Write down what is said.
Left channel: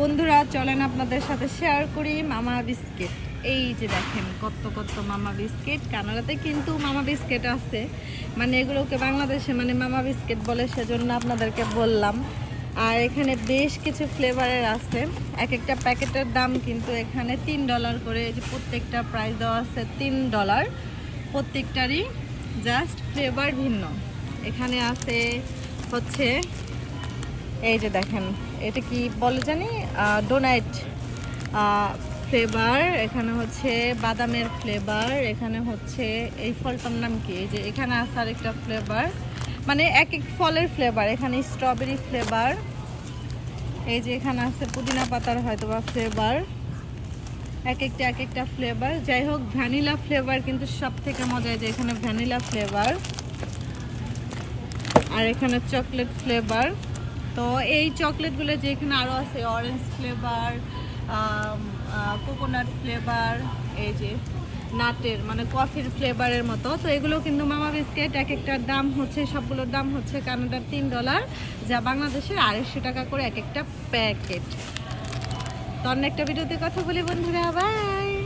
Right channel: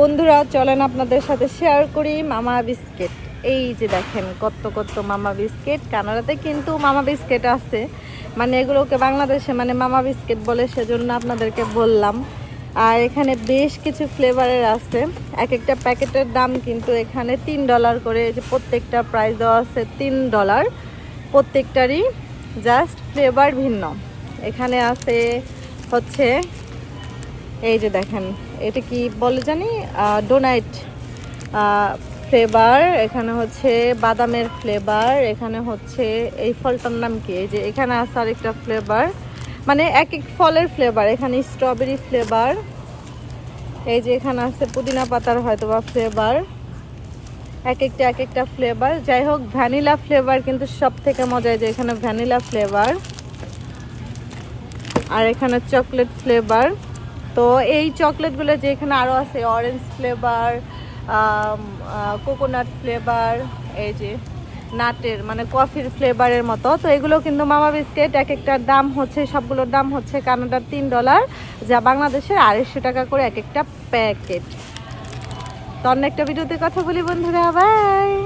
বন্ধুরা, চলেন আপনাদের সাথে শেয়ার করি মামা বিস্কিট। এই যে দেখেন, কত কত মামা বিস্কিট। কানাডাতে কিন্তু মামা বিস্কিট আছে। মানে এগুলোকে বাংলাদেশে মানে মামা বিস্কিট বলে সেজন্য আপনাদেরকে বললাম। আর এখানে বেশ কিছু ফ্লেভারের আছে। এক একটা প্যাকেটের দাম কিন্তু এখানে তিন ডলার করে যে প্রত্যেকটা প্রাইস দেওয়া আছে তিন ডলার প্রত্যেকটারই জাস্ট ফ্লেভার ভিন্ন। এখানে আছে হচ্ছে এই যে দেখেন, এটা কি বলে জানি? ডোনাইট ফ্লেভার এখানে হচ্ছে বাদামের ফ্লেভার এখানে হচ্ছে এই ফলটার নাম কি? এই যে এখানে আছে আরেকটা ফ্লেভার মানে এক এক ফলের ফ্লেভার এখানে স্ট্রবেরি ফ্লেভার এই যে এখানে আছে পুদিনা পাতার হয়তো বা ফ্লেভার এক একটা এক একটা ফ্লেভার যাই হোক ভ্যানিলা ফ্লেভার কিন্তু সব থেকে মজা যে এখানে ভ্যানিলা ফ্লেভার আর এখানে চকলেট ফ্লেভার তো এই চকলেটগুলো যে এখানে আরও আছে অরেঞ্জ ফ্লেভার কোকোনাট ফ্লেভার এই যে নাটের মানে কফির ফ্লেভারের মতো। তো এগুলো কিন্তু মামা বিস্কিট এক একটার দাম হচ্ছে, সবগুলোর দাম হচ্ছে কানাডার তিন ডলার, যা বাংলাদেশের আড়াইশো টাকা করে এক একটা প্যাকেট। তো অন্য একটা ভিডিওতে কথা বলি, বন্ধুরা বাই